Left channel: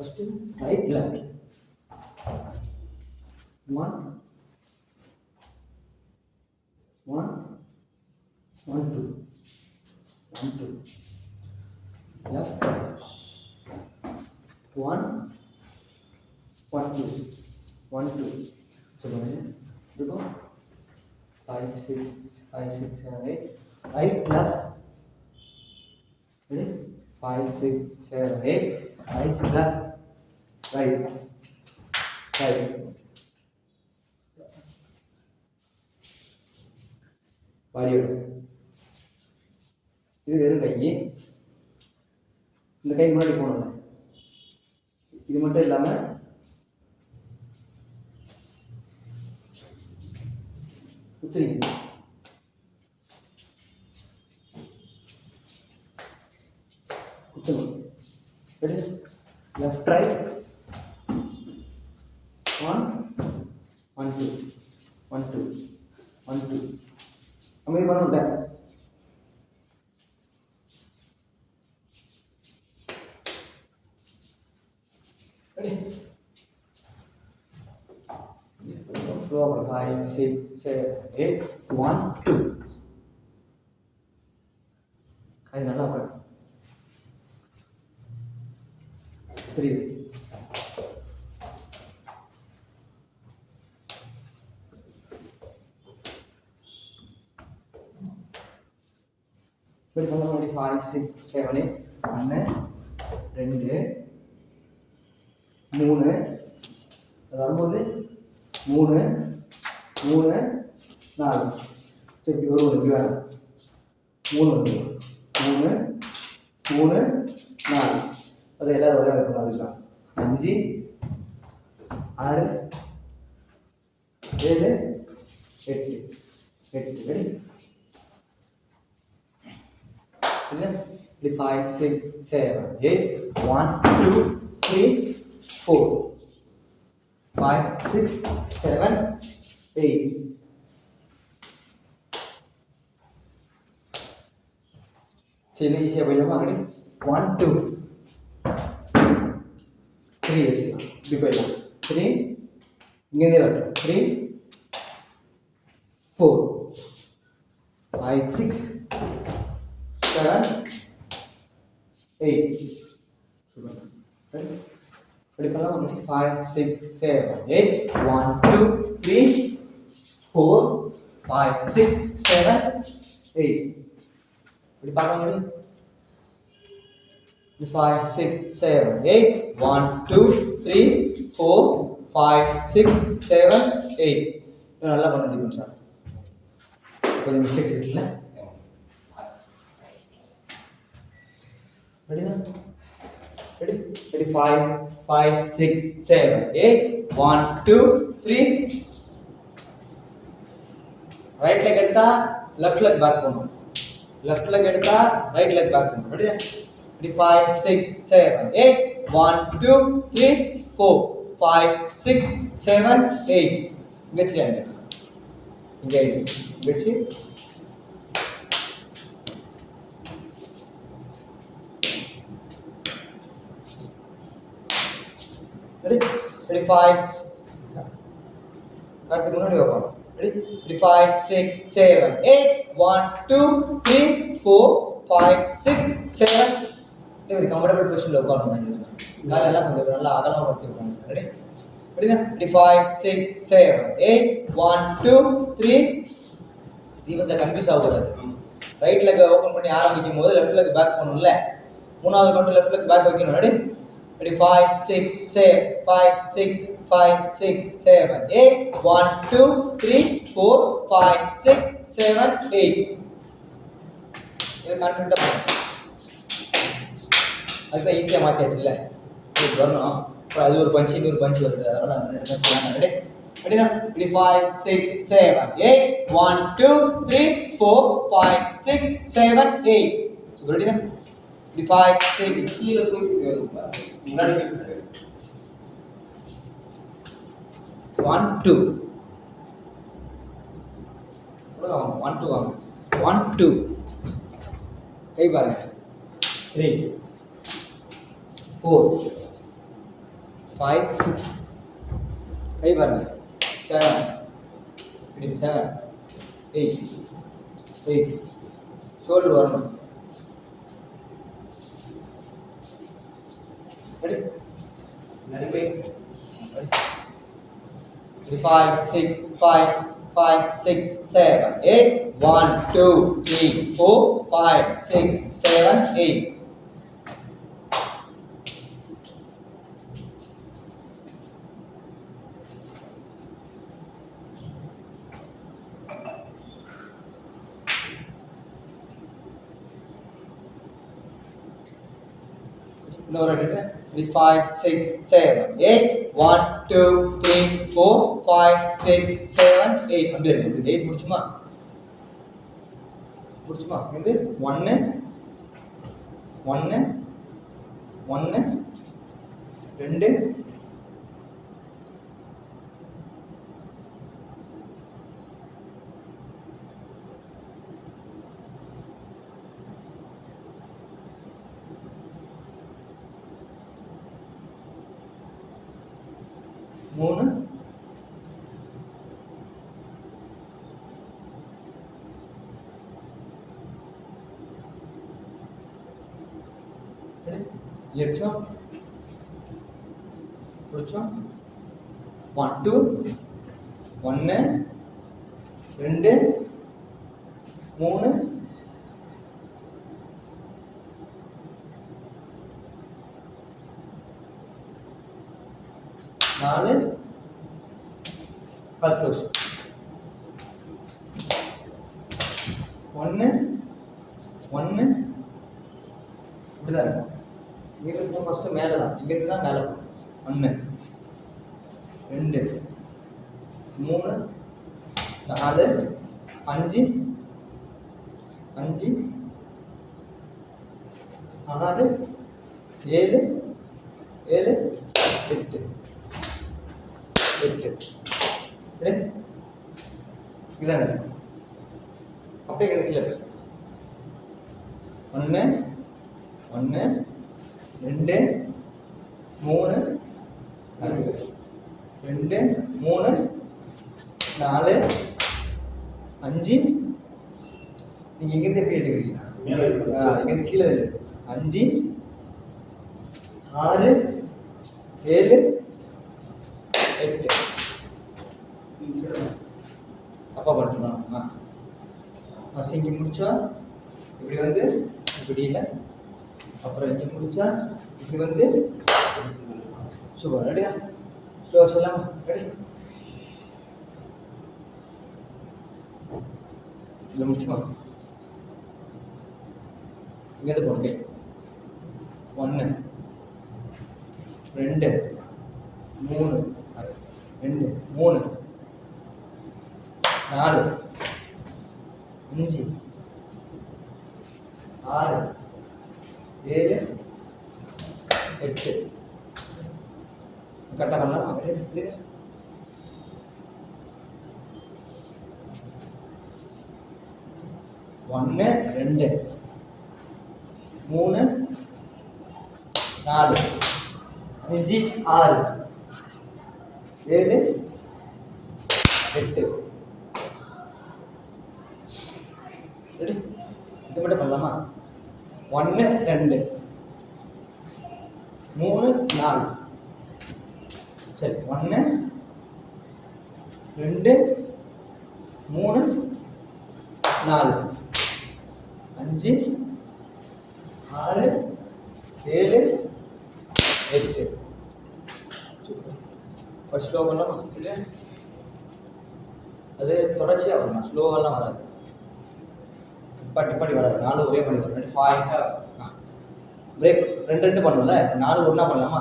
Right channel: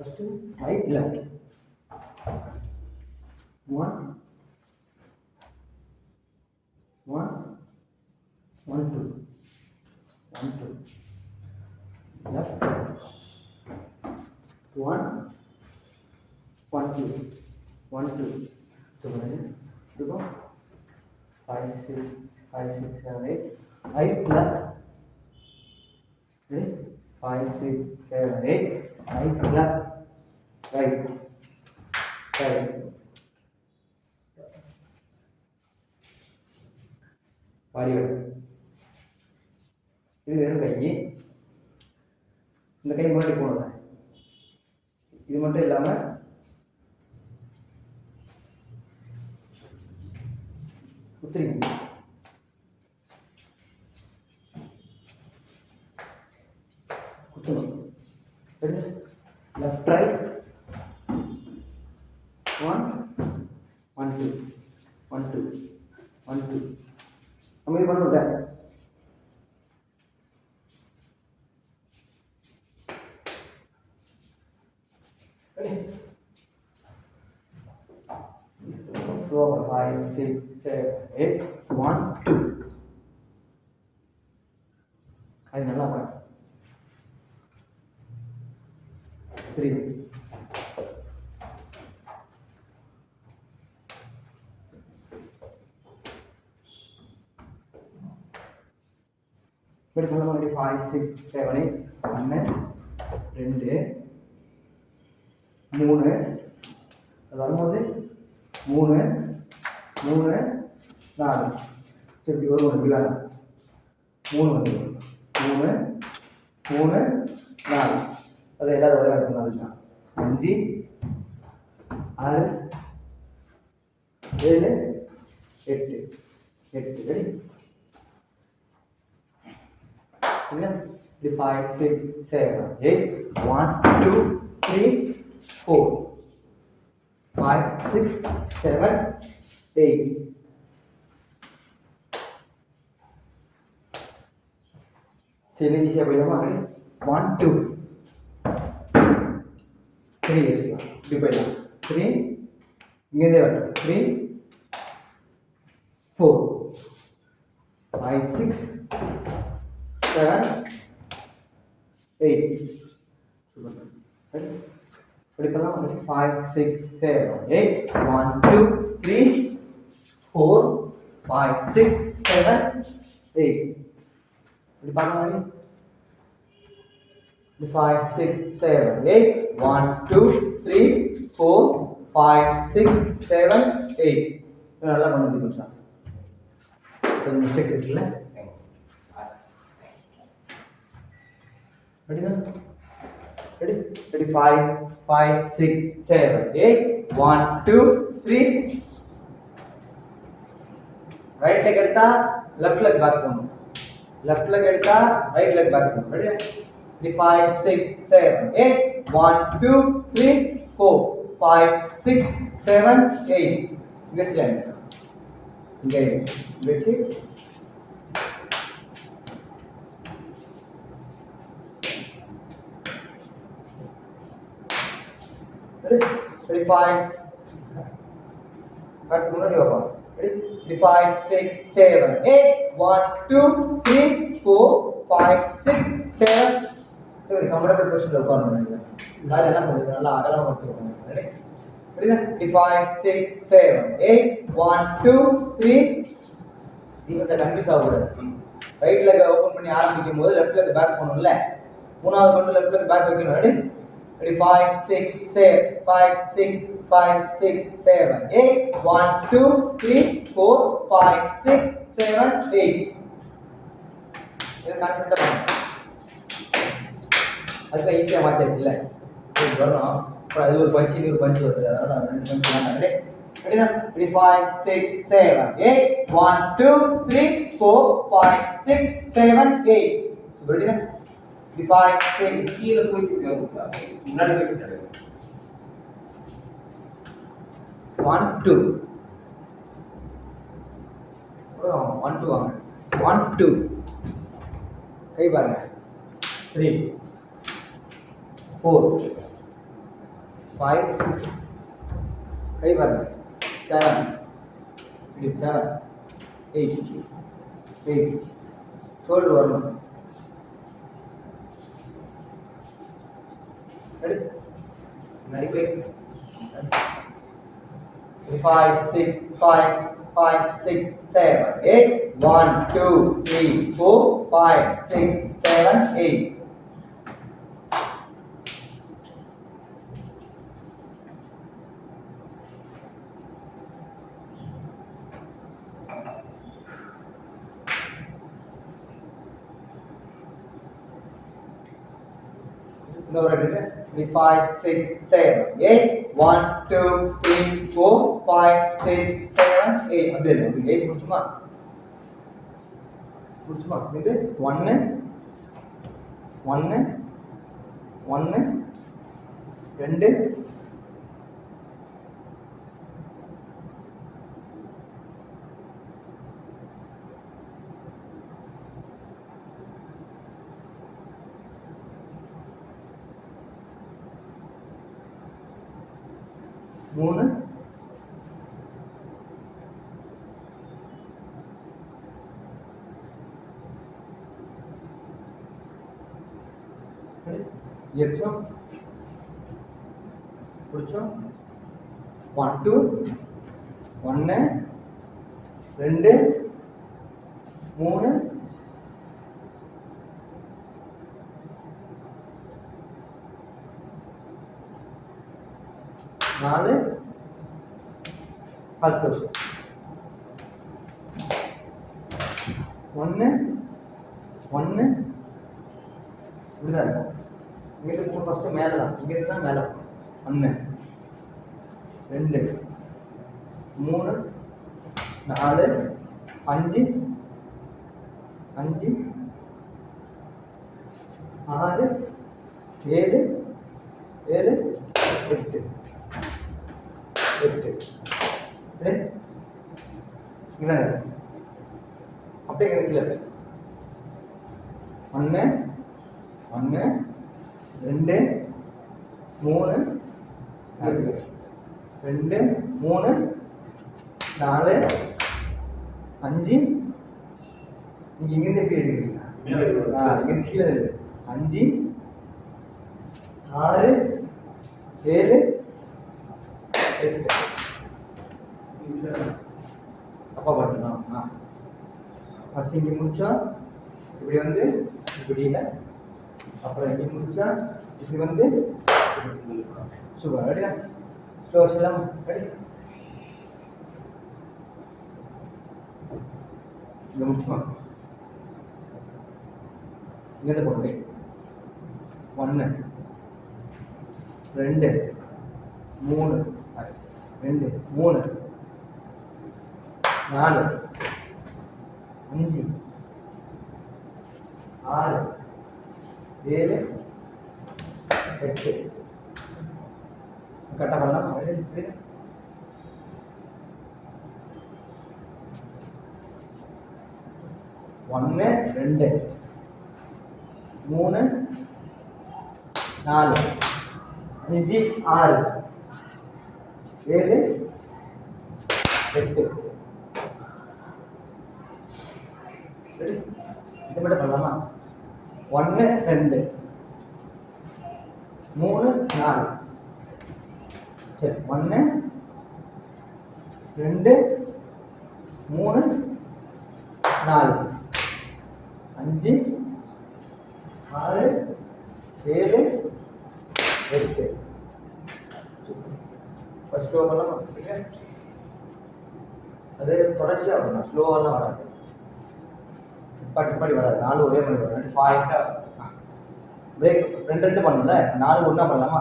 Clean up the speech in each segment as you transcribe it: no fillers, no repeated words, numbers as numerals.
First, right, left. 1, 1, 1, 2, 1, 2. Left, 1, 1, 2, 1, 2. So, go 5, 6, 5, 6, 7, 8. Right, left. Ready? 5, 6, 7, 8. Right, left. Right. Right. பாடியோட இது வெறும் கை. இந்த கை முன்னாடி போகணும்ல, இது மட்டும் இல்லாமல் குத்துறீங்க. குத்தணும். ரெடி? Left right 1, 1, 2, 1, 2, 1, 2. நம்ம இது பண்ணல. Four, 5, 6, 7, 8, 1, 2. அது நல்லா உட்காரு. 3. இப்படி பண்ண மாதிரி 5, 6, 7, 8. 1, 2, 3. அது வரும்போது 3, 3, 4. சரி, இப்படி வரும். இப்படி வேணும். 3 வந்து 3, 3, 4. அது எல்லாரும் ஒரே வேலை பண்ண அதுதான். 5, 6, 7, 8. 8. ரெடி? இல்லையா? இப்படி 5, 6, 7, 8. 1, 2, 3, 4. 5, 6, 7, 8. சரி, ஈஸியாக போயிடலாமா? ரெடி? 1, 2, 3 வச்சுக்கலாம். இப்படி போயிடலாம். 3, இங்கேருந்தே வரட்டும். 3, 4, 5, 6, 7, 8. ரெடி? இப்படி பண்ணலாம். 5, 6, 7, 8. 1, 2, 3, 4, 5, 6, 7, 8. இப்படி பண்ணலாம். 5, 6, 7, 8. 1, 2, 3, 4, 5, 6, 7, 8. இது நல்லா பண்ணுது கொஞ்சம். கொஞ்சம் மிஸ்டேக்ஸ் இருக்குல்ல? ரெடினா? ரெடி? ரெடி? 5, 5, 6, 7, 8. 1, 2, 3. ரைட் லெக் எடுத்தா லெஃப்ட் லெக் பேக் பண்ணணும். லெஃப்ட் லெக் எடுத்தா ரைட் லெக் பேக் பண்ணணும். ரெடியா? 5, 6, 7, 8. 1, 2, 3, 4, 5, 6, 7, 8. இங்கே வச்சுக்கலாம். இங்கே வச்சு ready? 5. கட் முன்னாடி வரலாம். ready? 5, 6, 7, 8. 1, 2, 3, 4, 5, 6, 7. இது கம்ஃபர்டபிள் பொசிஷன்ல உட்காரணும். கால் எல்லாம் கொஞ்சம் நல்லா அகலமா வச்சுக்கோங்க. ரெடி? ரெடியா? 5, 6, 7, 8. 1, 2, 3. இது கன்ஃபியூஸ் ஆகக்கூடாது. ரைட் லெக் ஓபன் பண்ணி ஆரம்பிக்கும் போது லெஃப்ட் லெக் பேக் பண்ணணும்ல. மூணாவது கவுண்ட் லெஃப்ட் லெக் பேக் வைக்கணும். ரெடி? Ready? 5, 6, 7, 5, 6, 5, 6, 7, 8. 1, 2, 3, 4, 5, 6, 7, 8. இது கான்ஃபிடன்ட்டா அதுதான் ஈஸியாக மாற்றியாச்சுல்ல இது வரணும். அப்புறம் அது ஒரு பஞ்சு இன்னொரு பஞ்சு வருது, அதனால நான் 2 பஞ்சு தான் ரெடி ரெடினா ரெடி 5 6 7 8 1 2 3 4 5 6 7 8 ஸோ ரெடினா ரெடி 5 6 கீழே போய் முன்னாடி போய் 1 2 1 2 வாங்க 1 2 கை பாருங்க 3 4 5 6 கை பாருங்க 7 7 8 8 ஷோல்டர் வரணும் ரெடி முன்னாடி போய் 5 6 5 5 6 7 8 1 2 3 4 5 6 7 8 No, ready? 5 6 7 8 1 2 3 4 5 6 7 8 அப்படியே இருக்கு 8 முடிச்சுமா இது 1 1 1 2 3 ஏறிச்சோம் பிடிச்சோம் 1 2 1 2 3 4 கால் க்ளோஸ் 1 1 இப்படிதான் இருக்கும் இங்கிருந்து ஃபஸ்ட்டு மேலே தான் இங்கிருந்து தான் மேலே 1 2 3 4 5 5 6 7 7 8 8 இதாங்க அப்படியே கிடைக்கல 1 1 2 3 2 3 4 5 நீங்க இங்கிருந்து எப்படி எடுக்கிறீங்க இங்கிருந்து கீழே 5 6 7 8 தப்பா பண்ணிட்டோம் ஃபஸ்ட் இங்கே முடிச்சா இப்படி வந்து இப்படி இல்லை அப்புறம் இங்கே முடிச்சா இப்படி வந்து சூப்பர் ரெடியா ஸ்லோ சொல்லலாமா ரெடி இங்கே முடிச்சுமா இங்கேருந்து போட்டு 1 2 3 2 3 4 5 6 7 8 கரெக்டாக பண்ணலாம் ஒன்று 2 3 4 5 6 7 8 ரெடி இது மட்டும் பண்ணலாமா 1 2 3 4 சரி 1 2 3 4 5 6 7 8 ஃபர்ஸ்ட் ஸ்லோ பண்ணலாமா இல்லையா அது தொடர்ச்சியாக வரணும் ஸ்லோவெல்லாம் வராது நிப்பாட்டி வராது 4 ஒரே மாதிரி வரும் 5 பிரேக் ரெண்டு ரெண்டு பண்ணும்ல 4 ஒன்றா பண்ணலாமா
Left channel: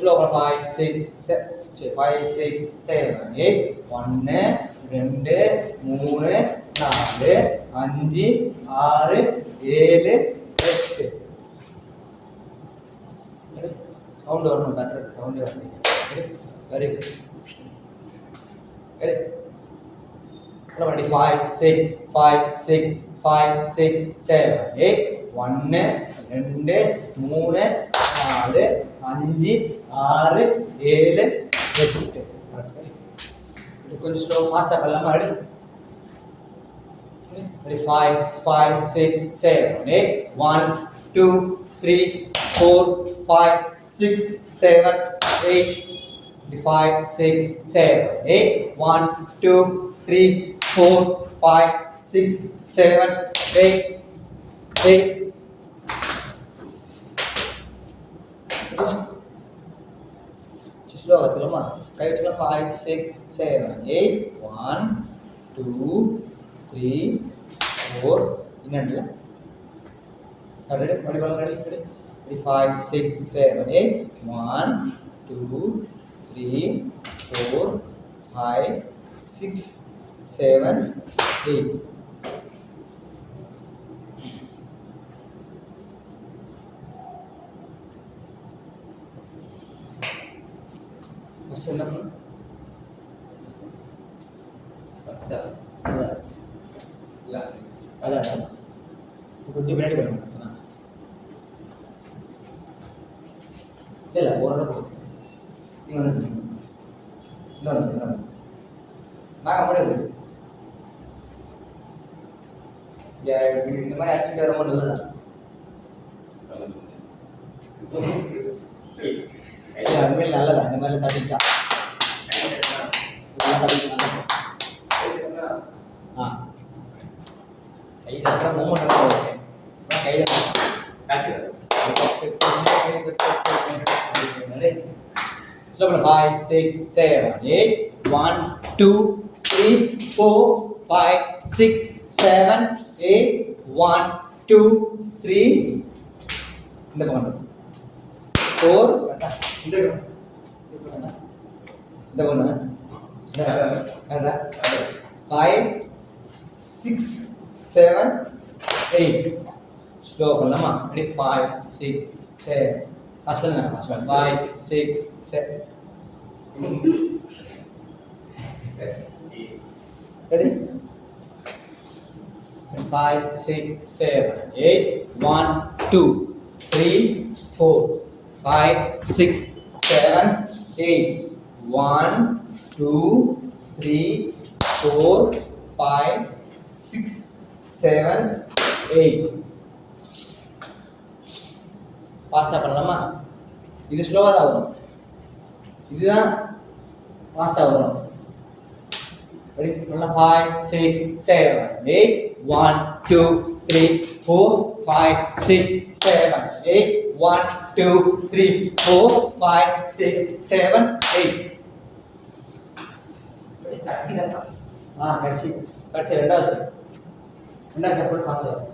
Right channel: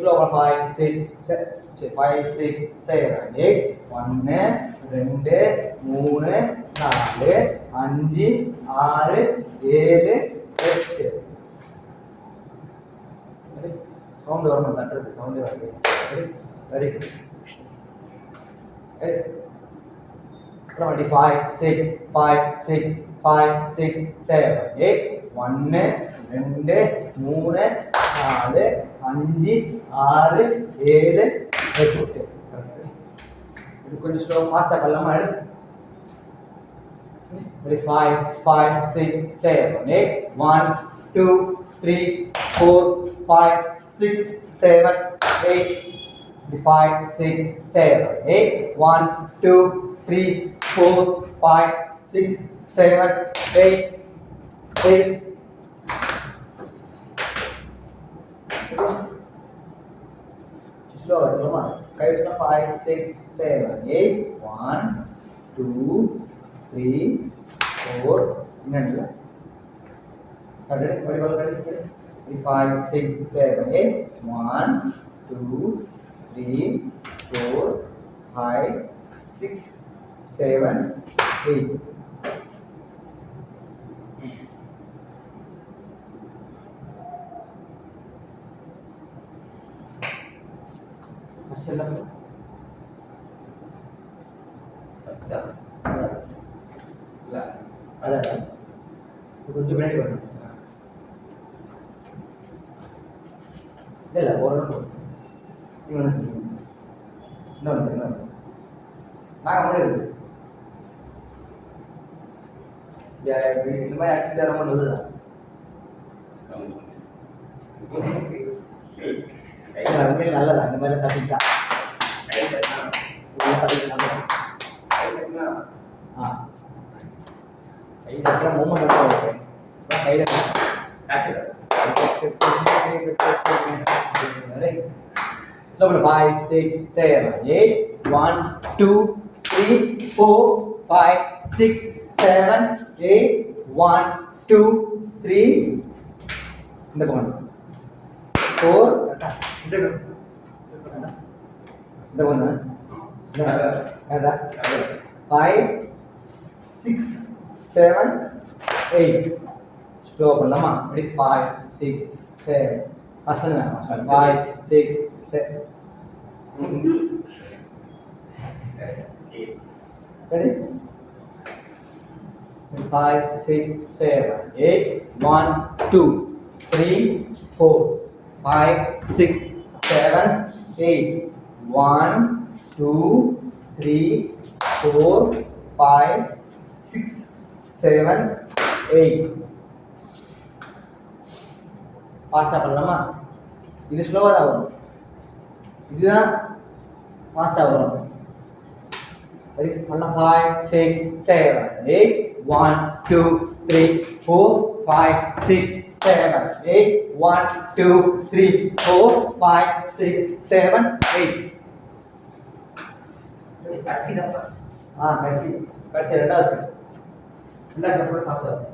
ஸ்லோ 5 6 5 6 7 8 1 2 3 4 5 6 7 8 சவுண்ட் வரணும் கட்டுறது சவுண்டே வருது வெரி குட் 5 6 5 6 5 6 7 8 1 2 3 4 5 6 7 8 இது கொஞ்சம் ஸ்லோ ஃபாஸ்ட்டாக பண்ணலாமா ரெடி 5 5 6 7 8 1 2 3 4 5 6 7 8 5 6 7 8 1 2 3 4 5 6 7 8 8 ஸ்லோவாக தெரியுமா கை வச்சுனா 5 6 7 8 1 2 3 4 இன்னும் ரெடி ரெடி 5 6 7 8 1 2 3 4 5 6 7 8 ஃபர்ஸ்ட் என்ன பண்ணணும் அதான் கொஞ்சம் பின்னாடி பண்ணணும் இல்லை ஒரு நீங்கள் வந்து இன்னொன்று நாங்கள் முடியுது இந்த மாதிரி ஆக்டிவிட்டி ரொம்ப நல்லதுதான் உண்மையில் நல்லதா இந்த மாதிரிலாம் தட்டிக்கிட்டா இதெல்லாம் தட்டிக்கிட்டாங்க ஆ கை தட்டுற மூமெண்ட் ஓகே கை தட்டு Slow 5 6 7 8 1 2 3 4 5 6 7 8 1 2 3 இந்த பக்கம் 4 இந்த பக்கம் 5 6 7 8 ஸ்லோ பண்ணலாமா ரெடி 5 6 7 ஃபர்ஸ்ட் 5 6 7 ready 5 6 7 8 1 2 3 4 5 6 7 8 1 2 3 4 5 6 7 8 ஃபாஸ்ட்டாக பண்ணலாமா இது ஸ்லோவாக தான் வரும் இதுதான் ஃபாஸ்ட்டாக வரும் ரெடி பண்ணலாம் 5 6 7 8 1 2 3 4 5 6 7 8 1 2 3 4 5 6 7 8 கடைசி தான் கடைசி ரெண்டாவது ஸ்டெப் ஃபாஸ்ட்டாக வரும்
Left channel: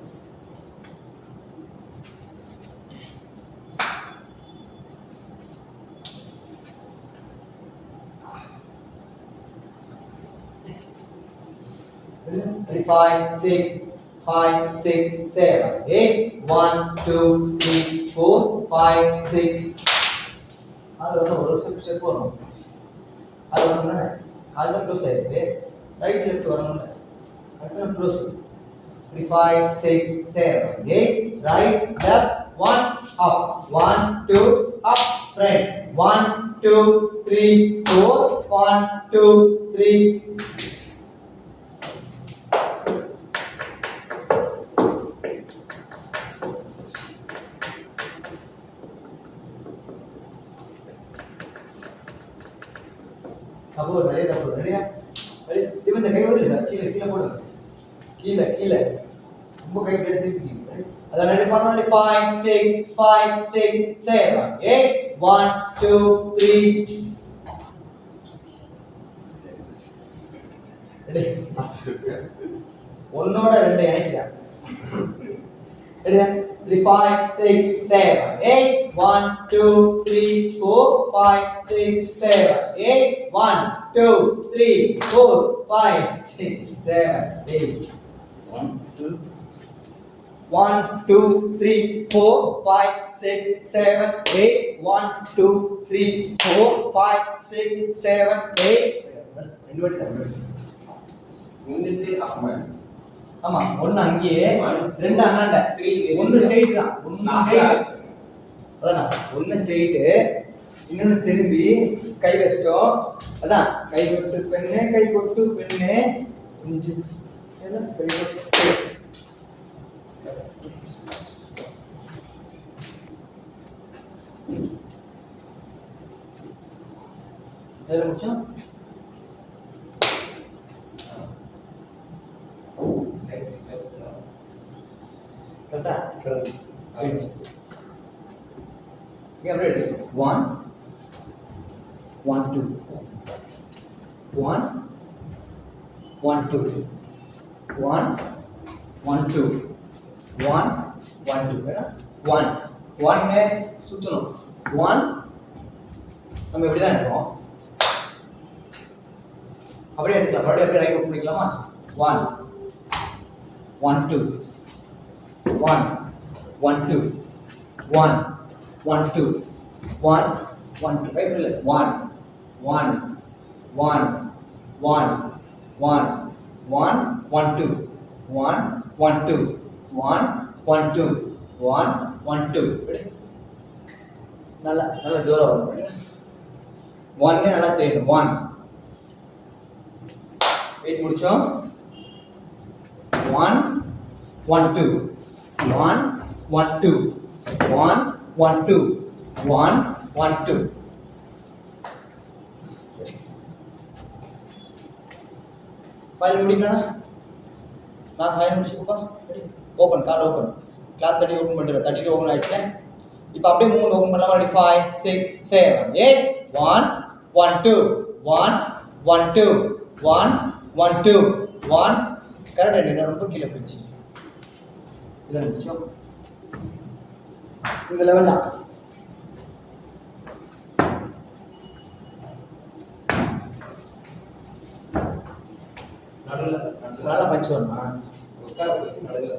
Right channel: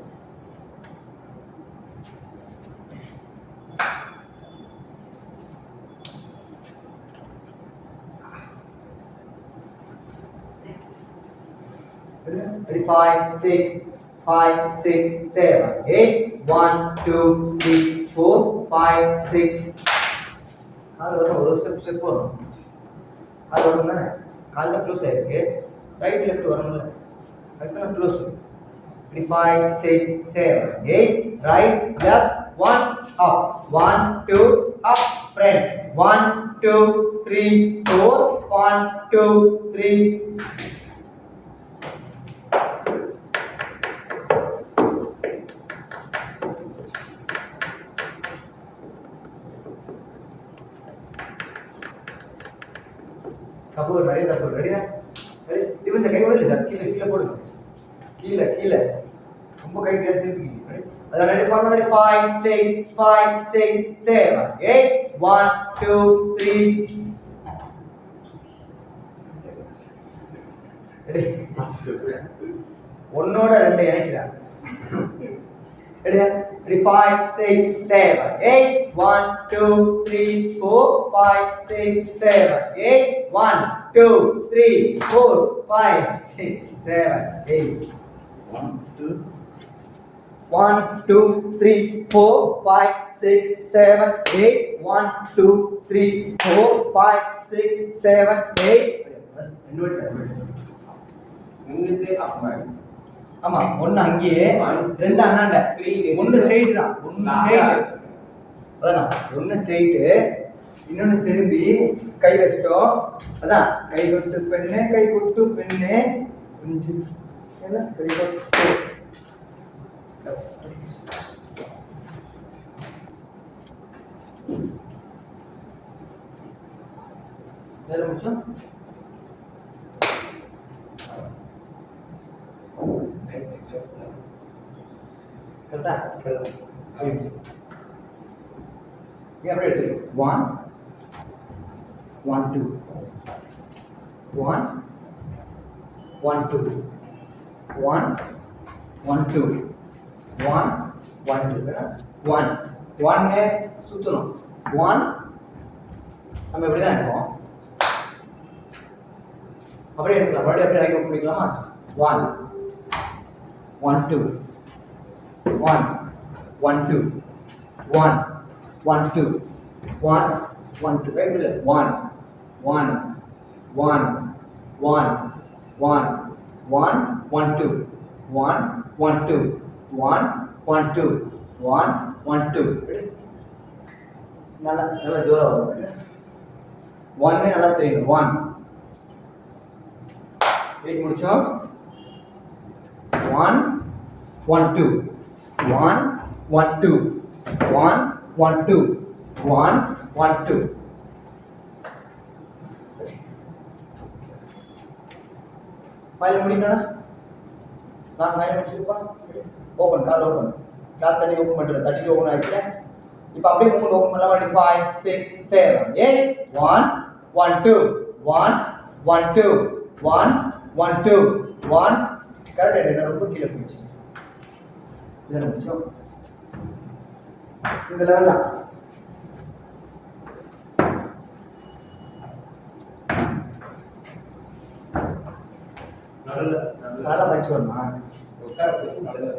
Ready 5 6 5 6 7 8 1 2 3 4 5 6 கால் வரும் ஒரு ஸ்டெப் வரும் அது வரும்ல கால் தான் க்ளோஸ் ஆயிருக்கு ரைட் லெஃப்ட் வரும்ல அதுதான் close Ready 5 6 7 8 right left 1 up 1 2 up front 1 2 3 4 1 2 3 தப்பு நிறைய தப்பு ரெடியா ரெடி இவன் இந்த கை ஓடல சார் கீழே கீழே போடுங்க கீழே கீழே ரொம்ப கை கீழே திருப்பி ரெடி அத ரெடி பண்ணு 5 6 5 6 7 8 1 2 3 ரெடி ஒன்னோட ரெண்டு இணைக்கிறா ரெடியா ready 5 6 7 8 1 2 3 4 5 6 7 8 1 2 3 4 5 6 7 8 1 2 1 2 3 4 5 6 7 8 1 2 3 4 5 6 7 8 முன்னிட்டு அம்மா ஆமா ஒன்னு அங்கேயே ரெண்டு அண்ணாண்ட ஒன்னு ஸ்ட்ரைட் தான் ஒன்னு ஸ்ட்ரைட் அதான் ஒன்னு ஸ்ட்ரைட் இன்னொன்னு திரும்பி கை வச்சிட்டோம் அதான் கை கொட்டு பெண்ணே கை கொட்டு பெண்ணே கொஞ்சம் என்ன கை கொட்டு வேற முடிச்சோம் கரெக்டா எப்படி எடுத்து 1 1 2 1 1 2 1 1 2 1 1 2 1 1 சுத்தணும் 1 நம்ம இப்படி தான் இருக்கோம் அப்படியே எடுக்கலாம் அப்படியே அப்படியே ரைட் ஓப்பன் பண்ணிக்கலாமா 1 1 2 1 1 2 1 1 2 1 1 2 ரைட் இல்ல 1 1 1 1 1 1 1 2 1 1 2 1 1 2 1 1 2 ரெடி நல்லா நல்லா ஜோரா வரும் 1 நல்லா தெரியணும் 1 வெயிட் முடிச்சோம் 1 1 2 1 1 2 1 1 2 1 1 2 ஃபைல் முடிக்கணும் நான் ஃபைல் முடிச்சுப்பா ஓப்பன் கார்டு ஓப்பன் கிளாஸ் தட்டி ஓப்பன் பண்ணுறேன் தட்டிட்டு ஓப்பன் ஆகிடுச்சு இப்போ அப்படியே மூணு ஓப்பன் பண்ணலாம் அப்படி 5 6 7 8 1 1 2 1 1 2 1 1 2 1 கரெக்டாக என்ன ரொம்ப கீழே போயிடுச்சு இதை முடிச்சோம் இந்த லெவல் தான் நல்லா பச்சு வருமா உட்கார பேசி நடுவில்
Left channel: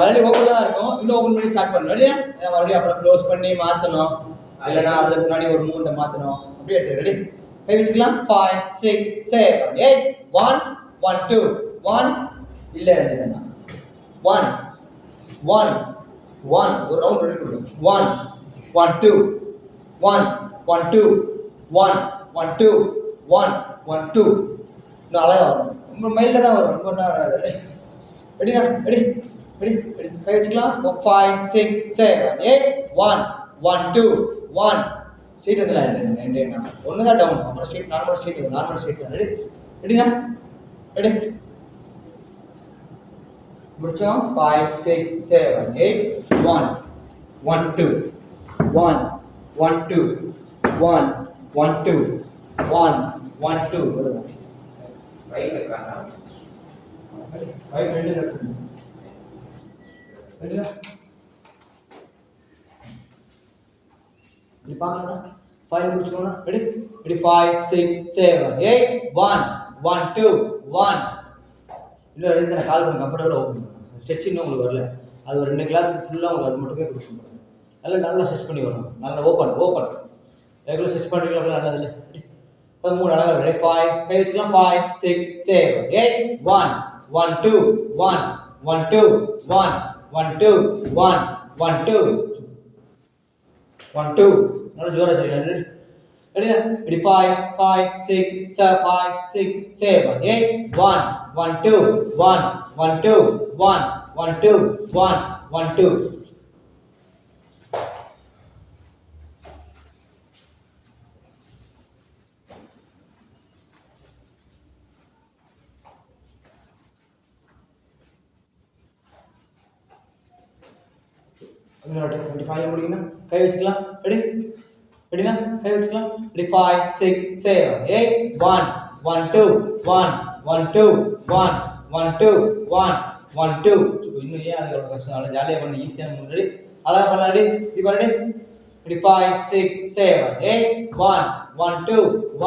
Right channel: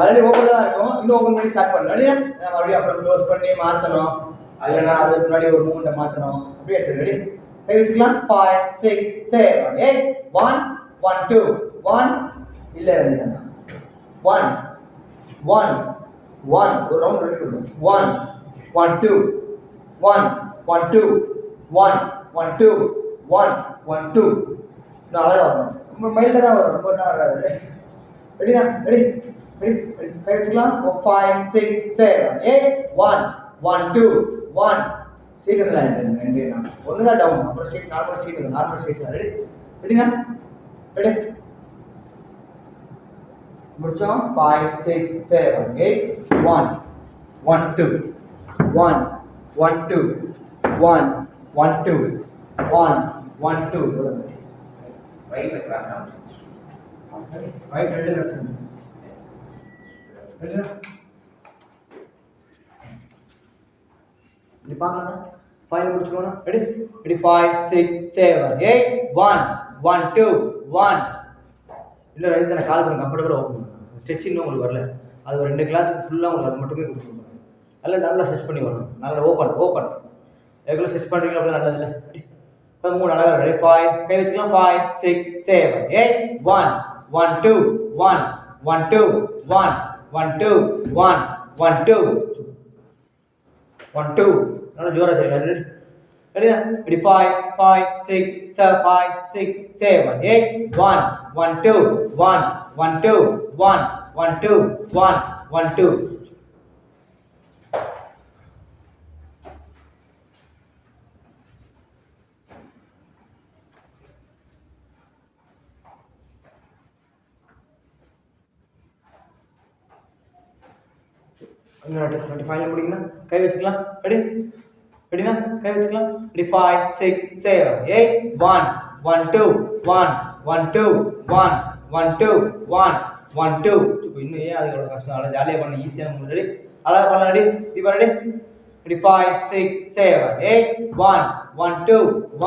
ஆல்ரெடி ஓப்பன் தான் இருக்கும் இன்னும் ஓப்பன் பண்ணி ஸ்டார்ட் பண்ணணும் இல்லையா மறுபடியும் அப்புறம் க்ளோஸ் பண்ணி மாற்றணும் இல்லைன்னா அதுக்கு முன்னாடி ஒரு மூட்டை மாற்றணும் அப்படியே எடுத்து ரெடி கை வச்சுக்கலாம் 5 6 7 8 1 1 2 1 இல்லை ரெண்டு தானே 1 1 1 ஒரு ரவுண்ட் ரெடி கொடுங்க 1 1 2 1 1 2 1 1 2 1 1 2 இன்னும் அழகாக வரும் ரொம்ப மைல்டாக தான் வரும் ரொம்ப நேரம் வராது ரெடியா ரெடி ரெடி ரெடி கை வச்சுக்கலாம் 5 6 7 8 1 1 2 1 ஸ்ட்ரீட் வந்து லைன் ஒன்று தான் டவுன் அப்புறம் ஸ்ட்ரீட் நார்மல் ஸ்ட்ரீட் வந்து நார்மல் ஸ்ட்ரீட் தான் ரெடி ரெடியா ரெடி முடிச்சோம் 5 6 7 8 1 1 2 1 1 2 1 1 2 1 1 2 ரைட்ல கிராஸ் ரைட் ரெண்டு லெஃப்ட் ரெடியா இப்படி பார்க்கலாம் 5 முடிச்சுக்கோங்க ரெடி ரெடி 5 6 7 8 1 1 2 1 இல்லை ரெடி தானே கால் பண்ணி கம்ஃபர்டபுளாக ஓப்பன் பண்ணுங்க ஸ்ட்ரெச் இன்னும் உங்களுக்கு வரல அது ஒரு 2 கிளாஸ் ஃபுல்லாக உங்களுக்கு அது மட்டுமே கொடுத்துருங்க நல்லா ஸ்ட்ரெச் பண்ணி வரணும் நல்லா ஓப்பன் ரெகுலர் ஸ்ட்ரெச் பண்ணுறீங்க அப்படி நல்லதில்லை இப்போ மூணு அழகாக ரெடி 5 கை வச்சுக்கலாம் 5 6 7 8 1 1 2 1 1 2 1 1 2 1 1 2 1 2 நல்லா ஜோரா தெரியல ரெடியா ரெடி 5 6 5 6 7 8 1 1 2 1 1 2 1 1 2 1 1 2 25 முடிக்கணும் கை வச்சுக்கலாம் ரெடி ரெடினா கை வச்சுக்கலாம் ரெடி 5 6 7 8 1 1 2 1 1 2 1 1 2 1 1 2 இன்னும் ஏன் அது எவ்வளோ கஷ்டம் அவ்வளோ ஜாலியாக பண்ண ஈஸியாக ரெடி அழகாக பண்ணலாம் ரெடி இப்போ ரெடி ரெடி 5 6 7 8 1 1 2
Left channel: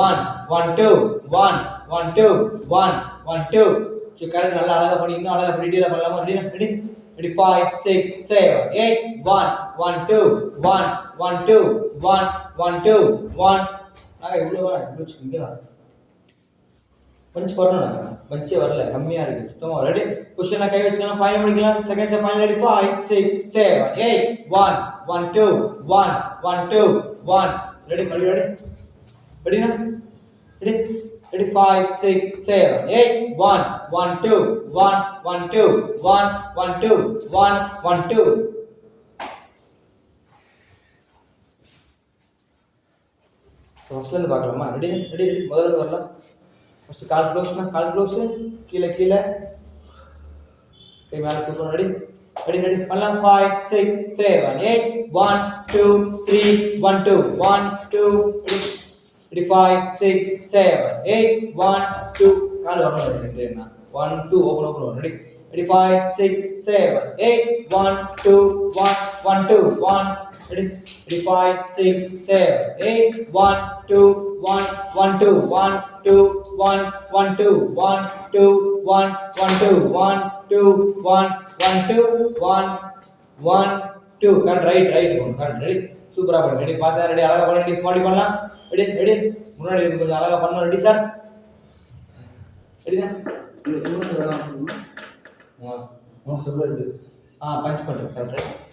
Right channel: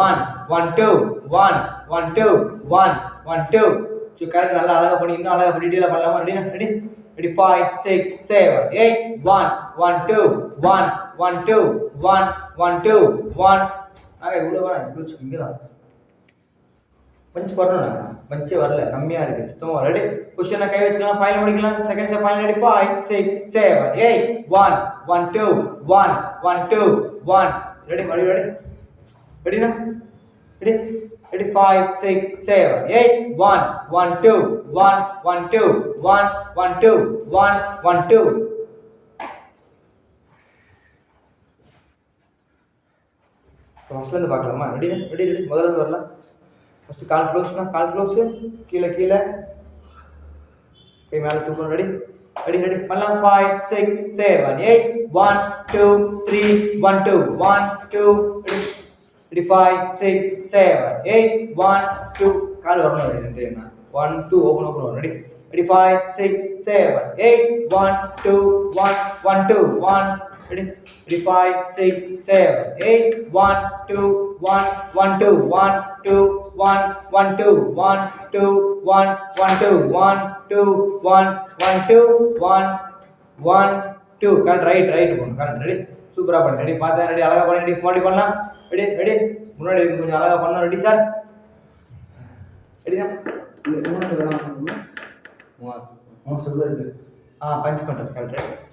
1 1 2 1 1 2 1 1 2 கரெக்ட் நல்லா அழகாக பண்ணி இன்னும் அழகாக பண்ணி டீலாக பண்ணலாமா ரெடி ரெடி ரெடி 5 6 7 8 1 1 2 1 1 2 1 1 2 1 இவ்வளோ வேணாம் இவ்வளோ இங்கே தான் பஞ்ச் வரணும்ண்ணா பஞ்சே வரல கம்மியாக இருக்குது சுத்தமாக ரெடி கொஸ்டினை கை வச்சுக்கலாம் ஃபைனல் முடிக்கலாம் second step final ready 5 6 7 8 1 1 2 1 1 2 1 ready ready ready ரெடிண்ணா ரெடி ரெடி 5 6 7 8 1 1 2 1 1 2 1 1 2 1 1 2 ஃபர்ஸ்ட்லேருந்து பார்க்கலாமா ரெடி ரெடி ரெடி முதல்ல வரலாம் ஃபர்ஸ்ட் கால் க்ளோஸ் கீழே கீழே கை மேலே தூக்கணும் ரெடி ரெடி ரெடி பண்ணலாம் 5 6 7 8 1 2 3 1 2 1 2 ரெடி 5 6 7 8 1 2 கால் வரணும் ரெடி ரெடி என்ன 1 2 open ready ready 5 6 7 8 1 2 1 1 2 1 ready 5 6 7 8 1 2 1 1 2 1 2 1 1 2 1 2 1 1 2 1 2 1 1 2 1 1 2 correct right correct ready சூப்பரா பண்ணு ரெடி பார்த்தா ரெடி அழகா பண்ணி ரெடி மாடி பண்ணலாம் ரெடி ரெடி முன்னாடி கொஞ்சம் அழகா பண்ணலாம் ரெடி சார் ரெடினா இன்னும் சொல்லலாம் பஞ்ச் பண்ணுறேன் கரெக்ட்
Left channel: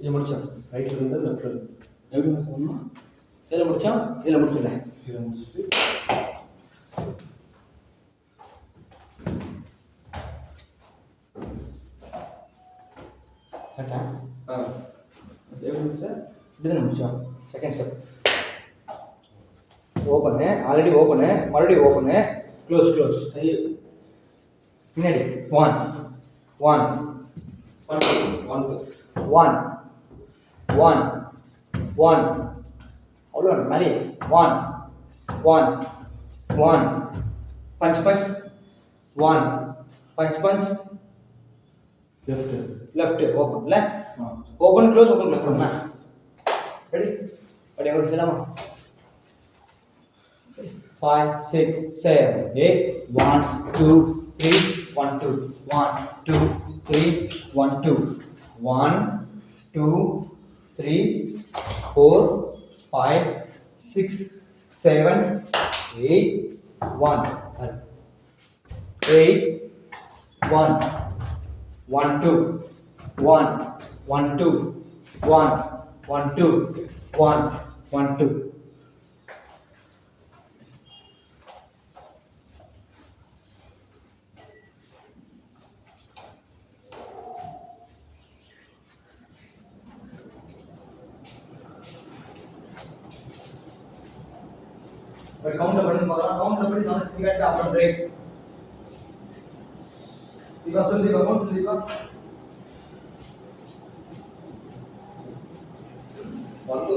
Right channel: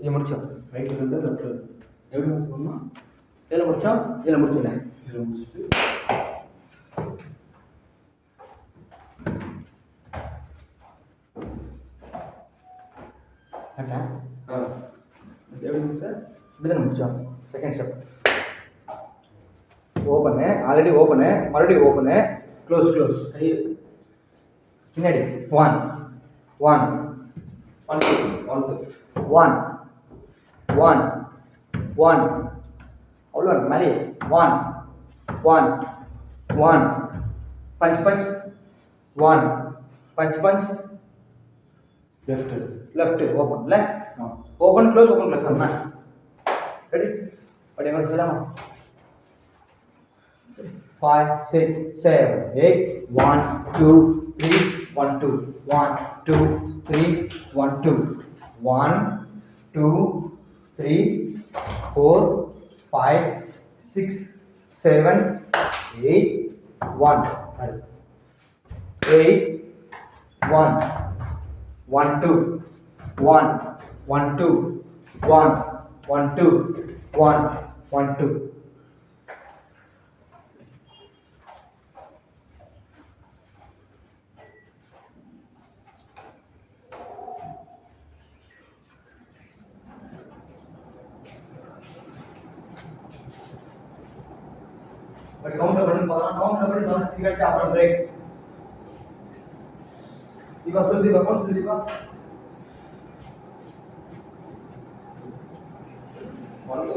இது முடிச்சோம் ரைட்ல இருந்து லெஃப்ட்ல எப்படி சொன்னோம் இதில் முடிச்சோம் இதில் முடிச்சோம் இதில் முடிச்சுட்டு கரெக்டா எப்படி முடிச்சா இப்படி தானே முடிச்சோம் second step open already open மறுபடியும் ஓப்பனு க்ளோஸ் பின்னாடி 1 1 1 2 1 1 1 அவ்வளோ மேலே 1 1 1 பஞ்ச் 1 பஞ்ச் லெஃப்ட் ஓப்பன்ல ஓப்பன் க்ளோஸ் பண்ணா ரெடி படி எங்க சொல்லலாமா 5 6 7 8 1 2 3 1 2 1 2 3 1 2 1 2 3 4 5 6 7 8 1 8 1 1 2 1 1 2 1 1 2 1 1 2 काउंटर बटन मारना काउंटर बटन समझ टिकट अपन ब्रेक दीपा सुन दीपा कौन सुन दीपा वन टू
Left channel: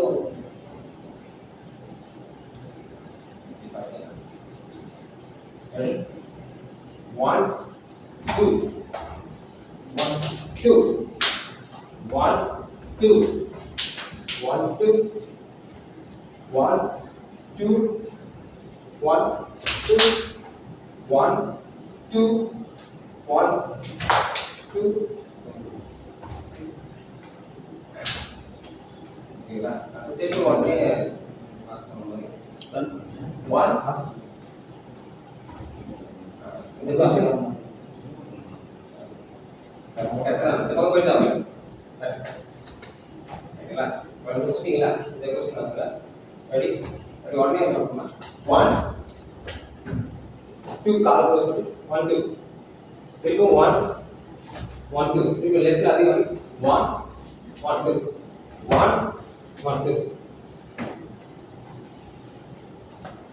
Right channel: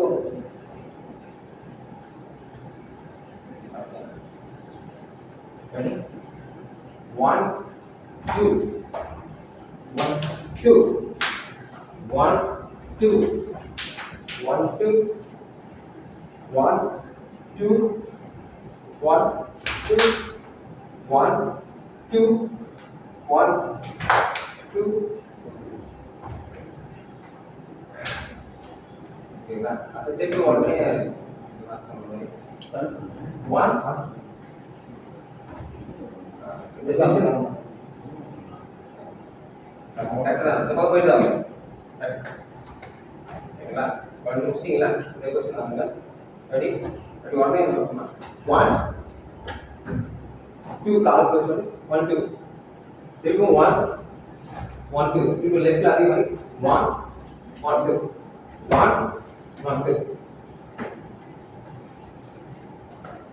ready 1 2 1 2 1 2 1 2 1 2 1 2 1 2 1 2 ஓகேங்களா அடுத்த ஸ்டெப் உடனே மாஸ்டர் பண்ணுங்க 1 இந்த செஷன் கரெக்ட்டா இந்த பக்கம் போய்டா ஓகேங்களா வந்து முடிச்சிட்டீங்களா இந்த क्वेश्चन வாங்க ரெடி ரெடி உடனே பண்ணலாம் 1 2 கால் க்ளோஸ் பண்ணி 1 2 திரும்ப 1 1 2 திரும்ப லெஃப்ட்ல அதே மாதிரி 1 1 2 1 1 2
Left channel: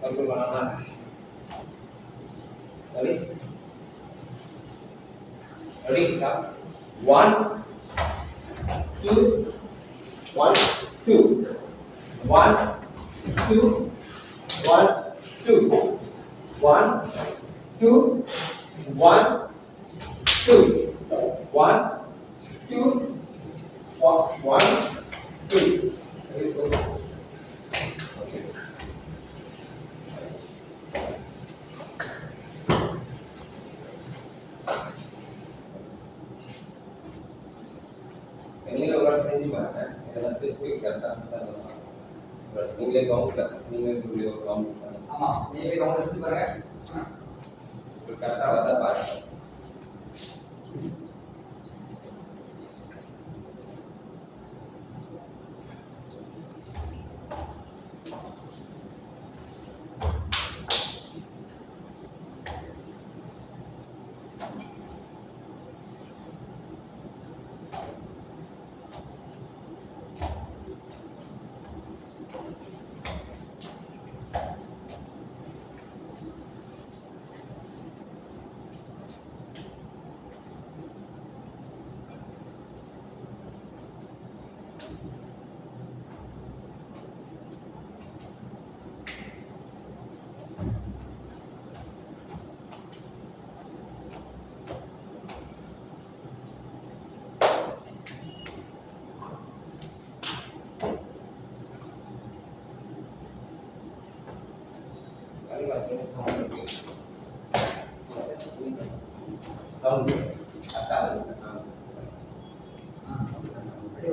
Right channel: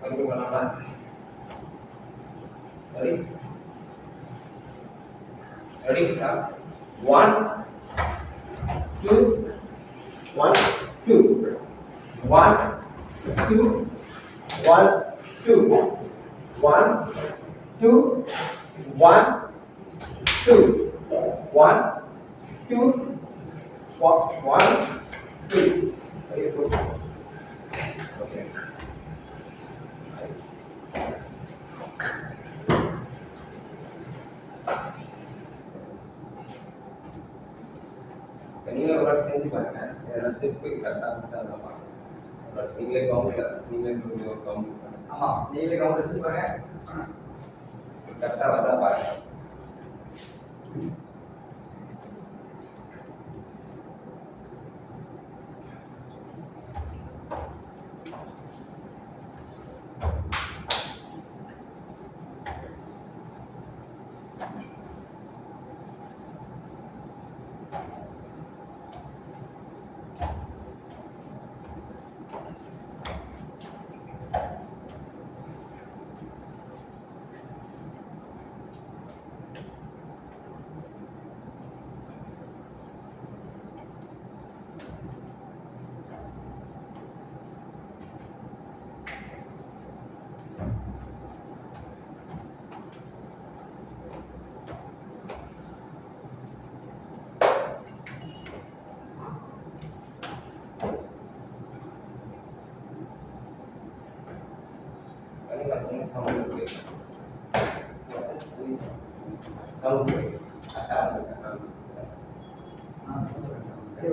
மறுபடியும் பண்ணலாம் ready ready start 1 2 1 2 1 2 1 2 1 2 1 2 2 1 2 1 2 okay okay நீங்களே ஒரு வாட்டி செஞ்சு பாருங்க ஏதாவது ஸ்டெப் கரெக்டாக மிஸ் ஆகலாம் நீங்களே நீங்களே ஒரு கவுண்ட் பாருங்க ஆமாம் நீங்களே கவுண்ட் எடுத்து பாருங்க கரெக்டாக வந்தா பாருங்க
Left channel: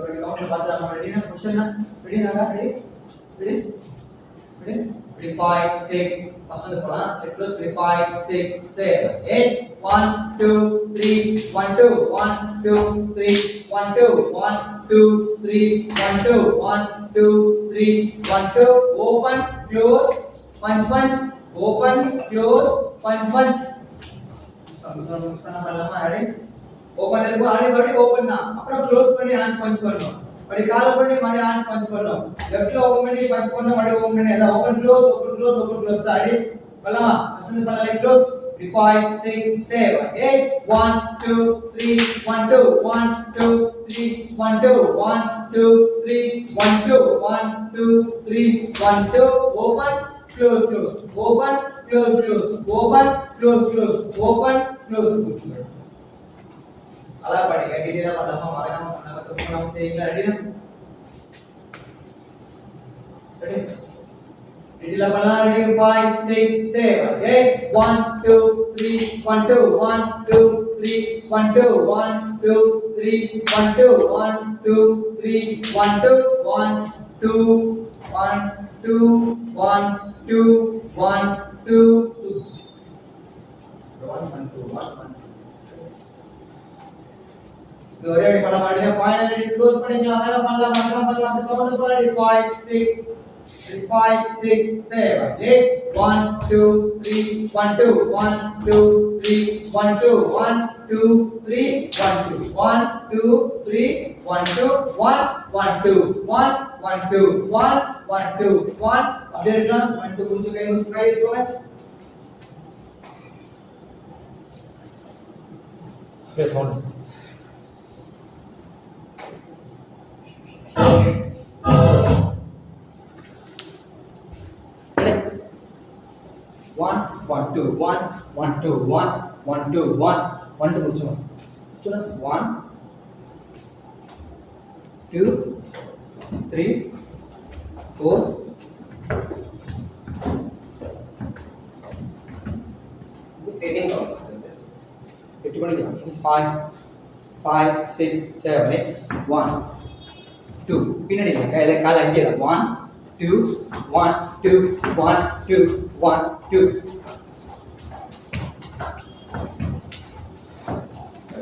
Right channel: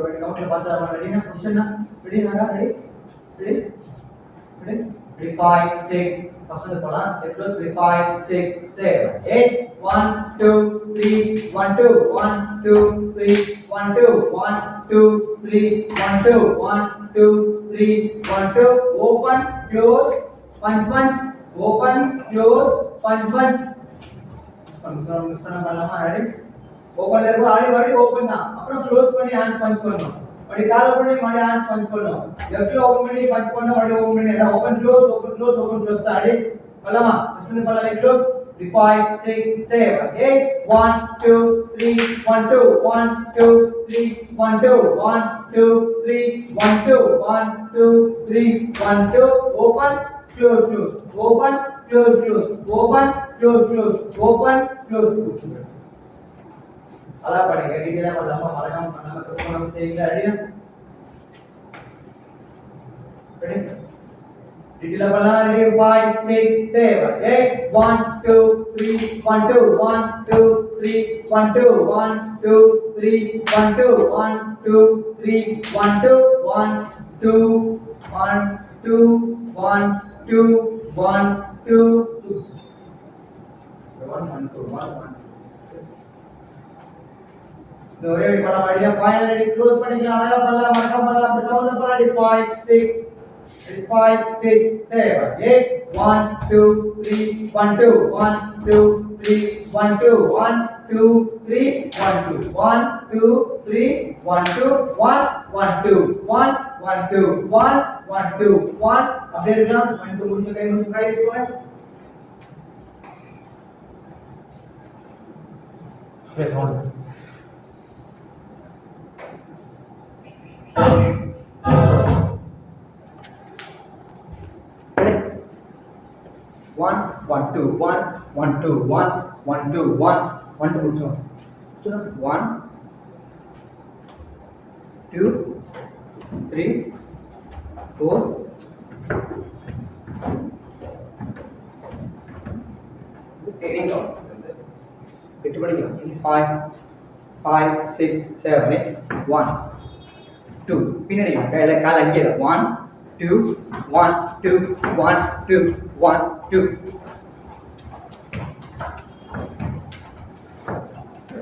ready count பார்த்தா ready ना क्वेश्चन ना ready ना ready ready ready ready 5 6 first வந்து போலாம் let's close 5 6 7 8 1 2 3 1 2 1 2 3 1 2 1 2 3 1 2 1 2 3 1 2 open close punch punch open close punch punch miss பண்ணலாமா ரெடி ஓபன்ல இருக்கு ஆடி ஓபன் தான் அப்புறம் க்ளோஸ் பண்ணி ஹேண்ட் பஞ்ச் பண்ணனும் அப்படி கால் பண்ணி மறுபடியும் ஹேண்ட் பஞ்ச் பண்ணனும் லெஃப்ட்ல ஓபன் பண்ணி பஞ்ச் பண்ணனும் மறுபடியும் ஓபன் பண்ணி அத ஓபன் க்ளோஸ் தான் ஆடி பண்ணலாமா ஃபர்ஸ்ட் பண்ணலாம் like close 5 6 7 8 1 2 3 1 2 1 2 3 1 2 1 2 3 1 2 1 2 3 1 2 open close open close open close open close அதான் படிங்க டீடைலா பண்ணாம மறக்காம பண்ணாம தப்பு செய்யுங்க ரெடியா ரெடி டீடைலா பண்ணலாம் ரெடி 5 6 7 8 1 2 3 1 2 1 2 3 1 2 1 2 3 1 2 1 2 3 1 2 1 2 1 2 1 2 1 2 1 2 1 ஒரே அடி பண்ண மாட்டீங்க ஃபைனலி க்ளோஸ் பண்ணிக்கலாம் அழகா பண்ணலாம் மறக்காம பண்ணலாம் அப்படி சவுண்ட் பண்ணலாம் 5 6 7 8 1 2 3 1 2 1 2 3 1 2 1 2 3 1 2 1 2 3 1 2 1 1 2 1 1 2 1 1 2 1 அப்படியே இருக்கலாம் 1 2 முடிச்சு கை எடுத்துக்கோங்க அப்படியே சவுண்ட் One, 2, 1, 1, 2, 1, 1, 2, 1, 1, 2, முடிச்சோம் 1, 2, 3, 4, 8 பண்ணிக்கலாம் 5, 6, 7, 1, 2 பின்னாடி கையில கால் அங்கே 1 2 1 2 1 2 1 2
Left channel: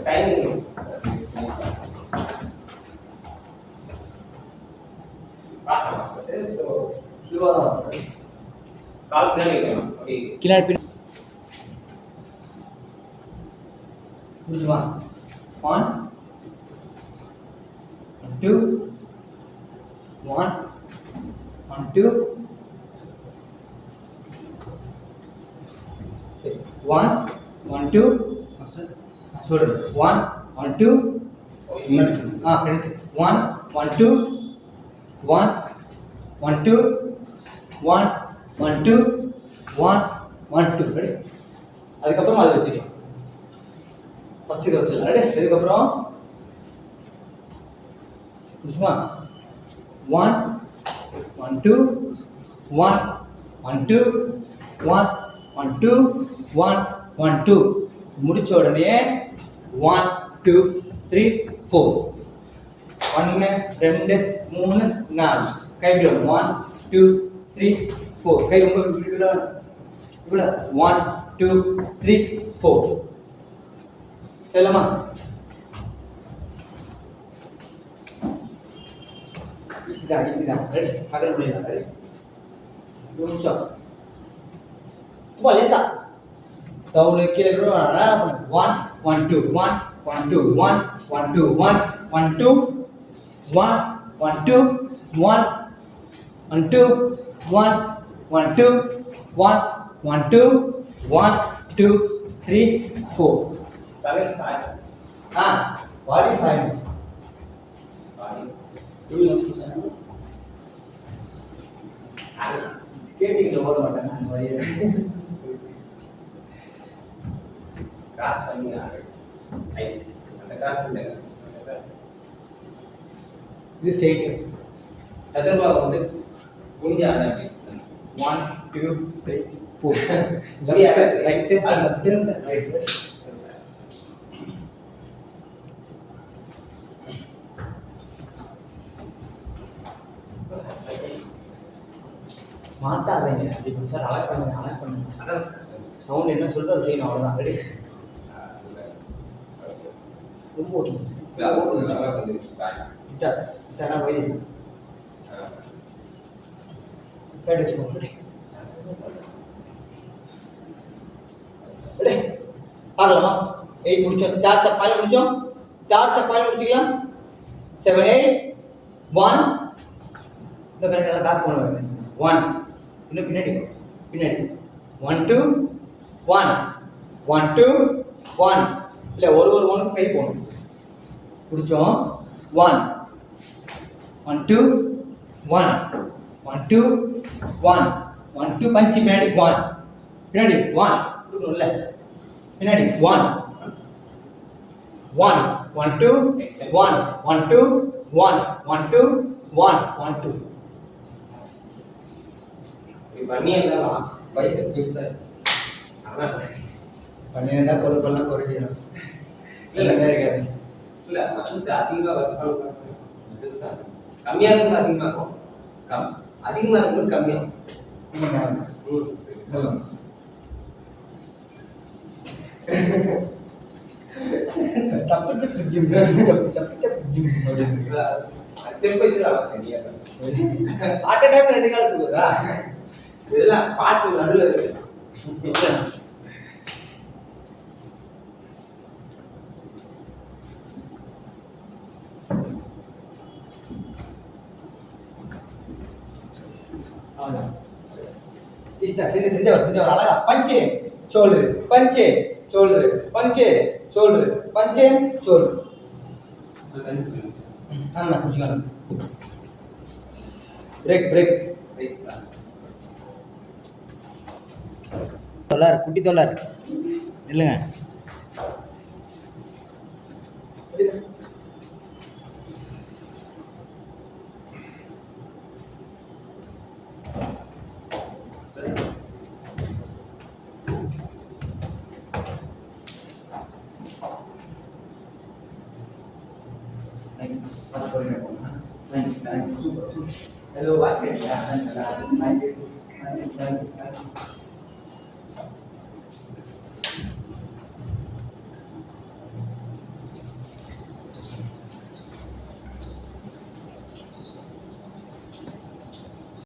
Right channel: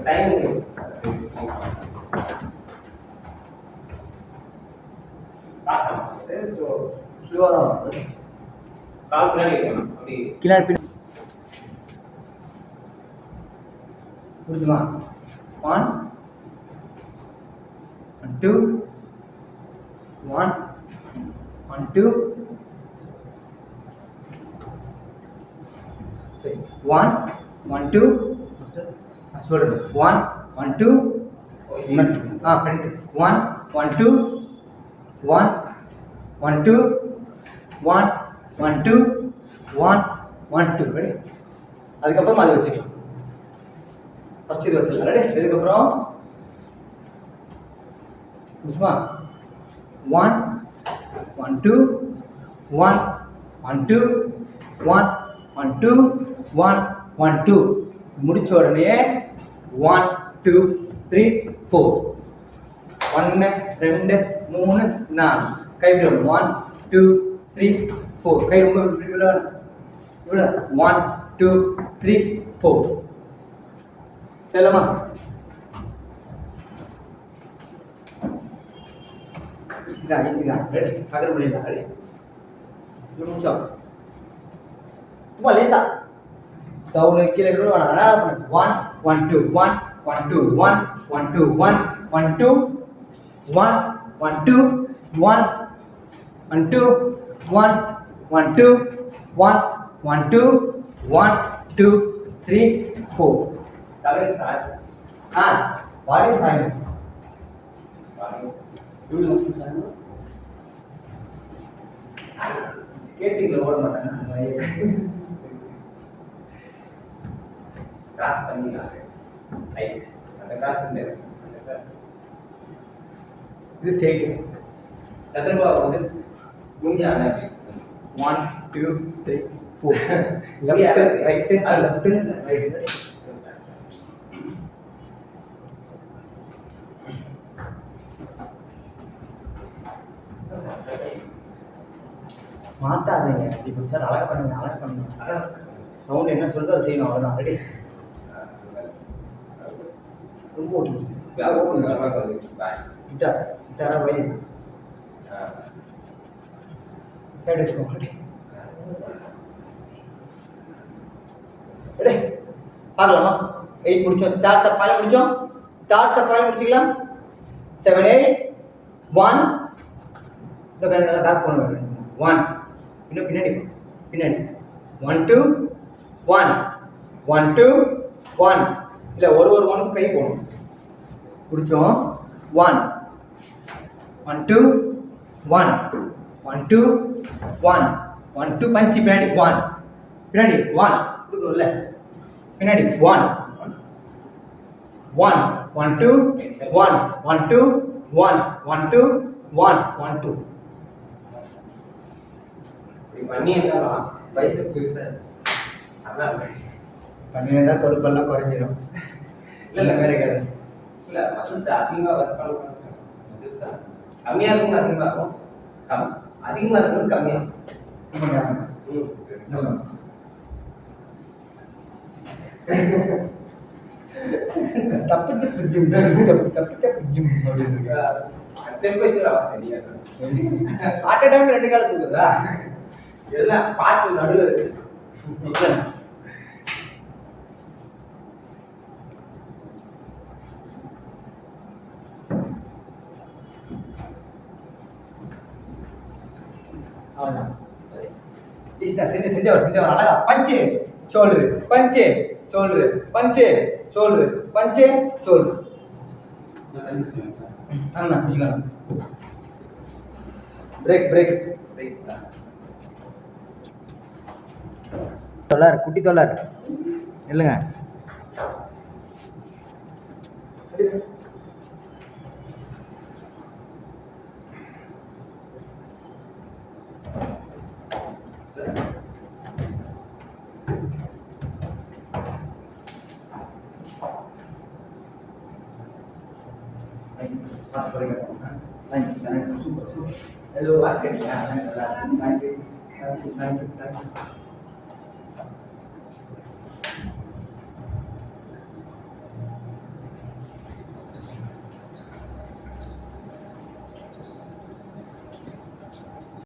டைமிங் ஸ்லோவா தான் கால் பின்னாடி வைக்கணும் அப்படி கிளாட் பின் முடிச்சுமா 1 2 1 1 2 1 1 2 sorry 1 1 2 front 1 1 2 1 1 2 1 1 2 1 1 2 ready அதுக்கு அப்புறம் அது வச்சுக்கலாம் ஃபர்ஸ்ட் இது வச்சிடலாம். ரெடி? இதுக்கப்புறம் புரியுமா? 1 1 2 1 1 2 1 1 2 1 1 2 முடிச்ச உடனே 1 2 3 4 1 2 3 4 கை இப்படி வரும். 1 2 3 4 கை ரொம்ப இவ்வளோ 1 2 3 4 சொல்லலாமா? ஈஸி தான். ரெடி? பக்கத்தில் முடியலாம். ரெடி? இது முடிச்சோம். சும்மா லேசா டவுனு கீழே நேரம் பண்ணு. 1 1 2 1 1 2 1 1 2 1 1 2 1 1 2 1 1 2 1 1 2 1 1 2 1 2 3 4 தலையை சாய். பாடி சாயணும். பாடி. இவ்வளோ சாயணும். ஸ்கேட்டிங்கில் ஓட மாட்டாங்க அந்த மாதிரி. கிராஸ் பண்ணி ரைட். அந்த கிராஸ் இந்த அந்த கிராஸ். இது ஸ்ட்ரெயிட்டு. சதுர்வா வந்து குனிஞ்சா அப்படி 1 2 3 4 லெஃப்ட் ரைட் லெஃப்ட் ரைட். மாத்தாதீங்க. இப்போ சார் அழகாக பண்ணுங்க. அதான் சவுண்ட் என்ன சொல்லுதோ அதை செய்யணும். அவ்வளோதான். ரெடி? ரொம்ப ஓட்டுங்க. கிட்டாரா போய் கேட்டு வச்சுக்கோங்க. ரெடி? பார்க்கலாமா? 8 முடிச்சோம். தேர்ட் ஸ்டெப் முடிச்சோம். தேர்ட் ஸ்டெப் முடிச்சிக்கலாம். 7 8 1 இந்த கரெக்டாக பேக் பண்ணுவாங்க. 1 இன்னும் பின்னாடி 1 2 1 1 2 1 இல்லை ஒரு 1 கை போகணும். பிடிச்சோம். 1 1 2 1 1 2 1 1 2 பஞ்சு பின்னாடி 1 பின்னாடி 1 கொடுக்கணும்ல பின்னாடி 1 1 1 2 1 1 2 1 1 2 1 1 2 இப்படி பண்ணி இருந்தா பைசெப் பெருசா அதான் பண்ணியிருந்தா கொழுப்பெல்லாம் குறைஞ்சிடும். இல்லை வேற கிடையாது. இல்லை மசில்ஸ் அதிகமாக ஒர்க் பண்ண மசில்ஸ் கம்மியாக இருக்கும் அதிகமாக இருக்கும் அதிகமாக இருக்கும் கம்மியாகும். தப்பு ஜிம் ஜிம் ஸ்டெப் வைஸ் சரியா அட் டைம் 2 கால தூக்குதா? இதெல்லாம் பாட்டு நடுவில் இருக்கு. அவ்வளோதான். செஞ்சவர் அழகா பஞ்சு ஷோல்டரு பஞ்சு ஷோல்டரு பஞ்சு ஷோல்டரு பஞ்சு ஷோல்டரு. அண்ணா புரிஞ்சுக்கணும். பிரேக் தொள்ளார் குட்டி தொள்ளார் இல்லைங்க. Hello, Thank you.